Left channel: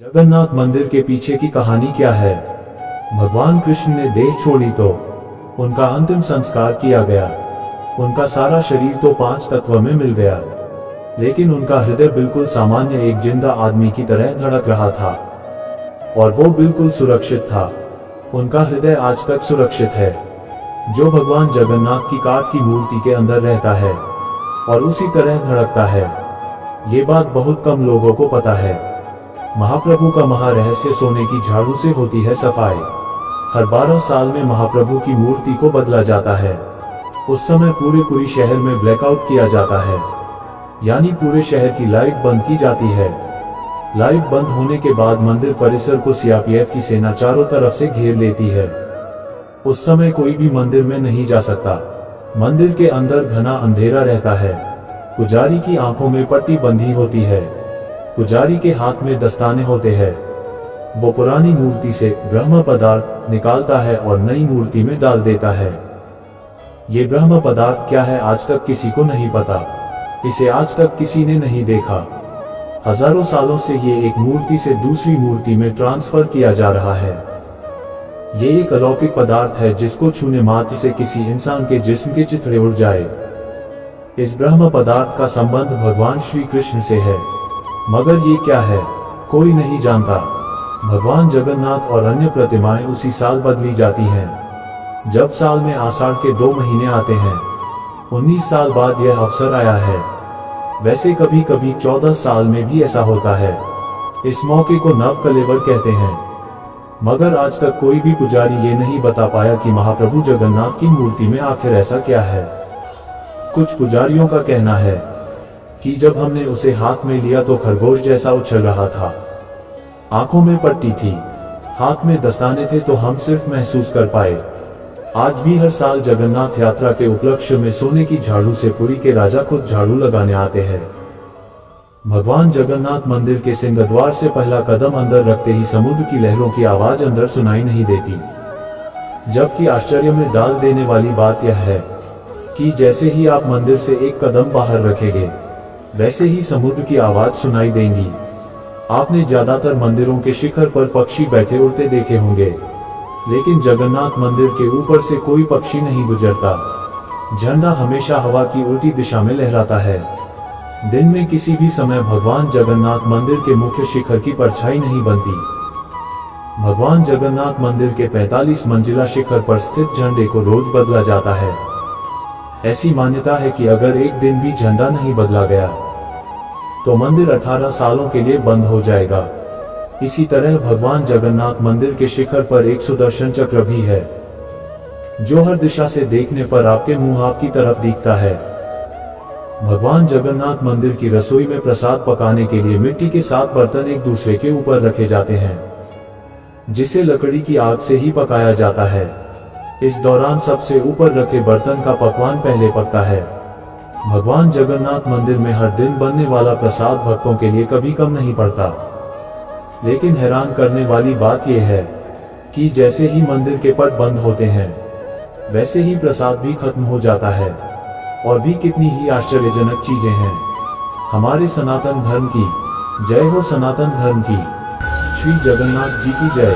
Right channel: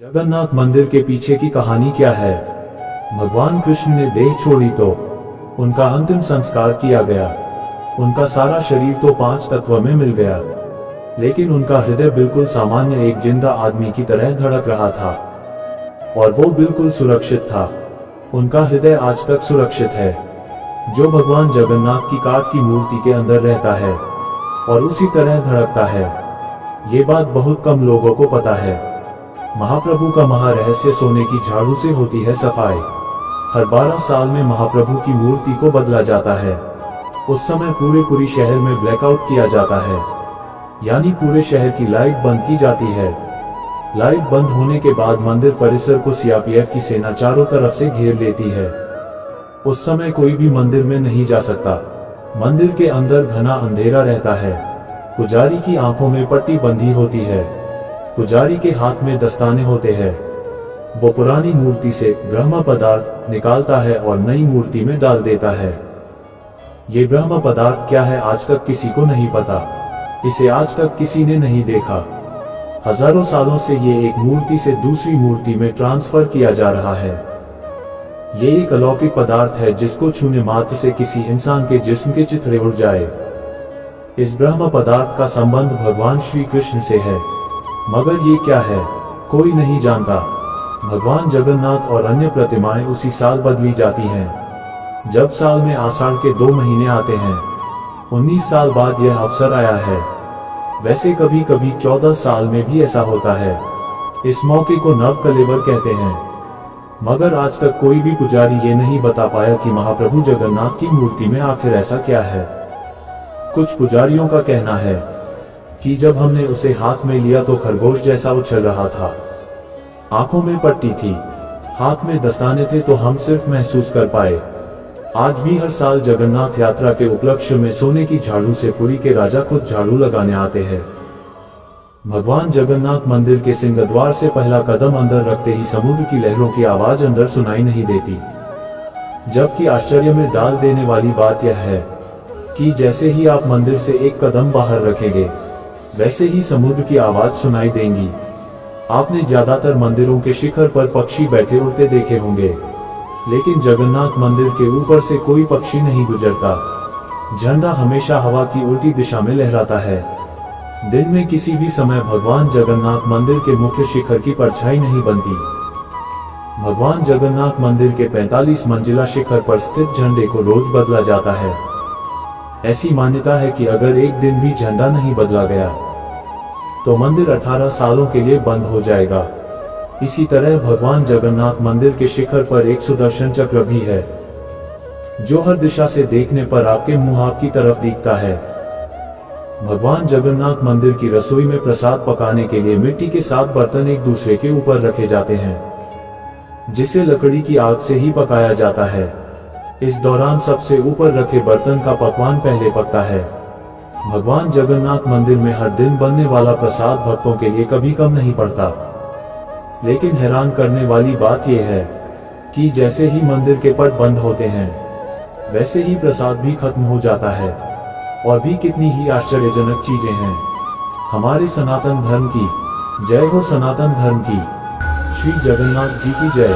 जगन्नाथ मंदिर के पीछे की कहानी क्या है? भगवान कृष्ण ने देह छोड़ी तो उनका अंतिम संस्कार किया गया। उनका सारा शरीर तो 5 तत्व में मिल गया, लेकिन उनका हृदय बिल्कुल सामान्य एक जिंदा आदमी की तरह धड़क रहा था और वो बिल्कुल सुरक्षित था। उनका हृदय आज तक सुरक्षित है, जो भगवान जगन्नाथ की काठ की मूर्ति के अंदर रहता है और उसी तरह धड़कता है। ये बात बहुत कम लोगों को पता है। महाप्रभु का महारहस्य सोने की झाड़ू से होती है सफाई। हर 12 साल में महाप्रभु की मूर्ति को बदला जाता है। उस समय पूरे शहर में ब्लैकआउट किया जाता है, यानी पूरे शहर की लाइट बंद की जाती है। लाइट बंद होने के बाद मंदिर परिसर को सीआरपीएफ की सेना चारों तरफ से घेर लेती है। उस समय कोई भी मंदिर में नहीं जा सकता। मंदिर के अंदर घना अंधेरा रहता है। पुजारी की आंखों में पट्टी बंधी होती है। पुजारी के हाथ में दस्ताने होते हैं। वो पुरानी मूर्ति से ब्रह्म पदार्थ निकालता है और नई मूर्ति में डाल देता है। ये ब्रह्म पदार्थ क्या है आज तक किसी को नहीं पता। इसे आज तक किसी ने नहीं देखा। हजारों सालों से ये एक मूर्ति से दूसरी मूर्ति में ट्रांसफर किया जा रहा है। ये एक अलौकिक पदार्थ है जिसको छूने मात्र से किसी इंसान के जिस्म के चिथड़े उड़ जाए। इस ब्रह्म पदार्थ का संबंध भगवान श्री कृष्ण से है, मगर ये क्या है कोई नहीं जानता। भगवान जगन्नाथ और अन्य प्रतिमाएं उसी साल बदली जाती हैं, जब साल में आषाढ़ के 2 महीने आते हैं। 19 साल बाद यह अवसर आया है। वैसे कभी कभी 14 साल में भी ऐसा होता है। इस मौके को नव कलेवर कहते हैं, मगर आज तक कोई भी पुजारी ये नहीं बता पाया कि महाप्रभु जगन्नाथ की मूर्ति में आखिर ऐसा क्या है। कुछ पुजारियों का कहना है कि जब हमने उसे हाथ में लिया तो खरगोश जैसा उछल रहा था। आंखों में पट्टी थी, हाथ में दस्ताने थे, तो हम सिर्फ महसूस कर पाए। आज भी हर साल जगन्नाथ यात्रा के उपलक्ष्य में सोने की झाड़ू से पुरी के राजा खुद झाड़ू लगाने आते हैं। भगवान जगन्नाथ मंदिर के सिंहद्वार से पहला कदम अंदर रखते ही समुद्र की लहरों की आवाज अंदर सुनाई नहीं देती। जबकि आश्चर्य में डाल देने वाली बात यह है कि जैसे ही आप मंदिर से एक कदम बाहर रखेंगे, वैसे ही समुद्र की आवाज सुनाई देंगी। आपने ज्यादातर मंदिरों के शिखर पर पक्षी बैठे उड़ते देखे होंगे, लेकिन जगन्नाथ मंदिर के ऊपर से कोई पक्षी नहीं गुजरता। झंडा हमेशा हवा की उल्टी दिशा में लहराता है। दिन में किसी भी समय भगवान जगन्नाथ मंदिर के मुख्य शिखर की परछाई नहीं बनती। भगवान जगन्नाथ मंदिर के 45 मंजिला शिखर पर स्थित झंडे को रोज बदला जाता है। ऐसी मान्यता है कि अगर एक दिन भी झंडा नहीं बदला गया तो मंदिर 18 सालों के लिए बंद हो जाएगा। इसी तरह भगवान जगन्नाथ मंदिर के शिखर पर एक सुदर्शन चक्र भी है, जो हर दिशा से देखने पर आपके मुंह आपकी तरफ दिखता है। भगवान जगन्नाथ मंदिर की रसोई में प्रसाद पकाने के लिए मिट्टी के 7 बर्तन एक दूसरे के ऊपर रखे जाते हैं, जिसे लकड़ी की आग से ही पकाया जाता है। इस दौरान सबसे ऊपर रखे बर्तन का पकवान पहले पकता है। भगवान जगन्नाथ मंदिर में हर दिन बनने वाला प्रसाद भक्तों के लिए कभी कम नहीं पड़ता। लेकिन हैरान करने वाली बात यह है कि जैसे ही मंदिर के पट बंद होते हैं, वैसे ही प्रसाद भी खत्म हो जाता है। और भी कितनी ही आश्चर्यजनक चीजें हैं। हमारे सनातन धर्म की जय हो, सनातन धर्म की। श्री जगन्नाथ जी की जय।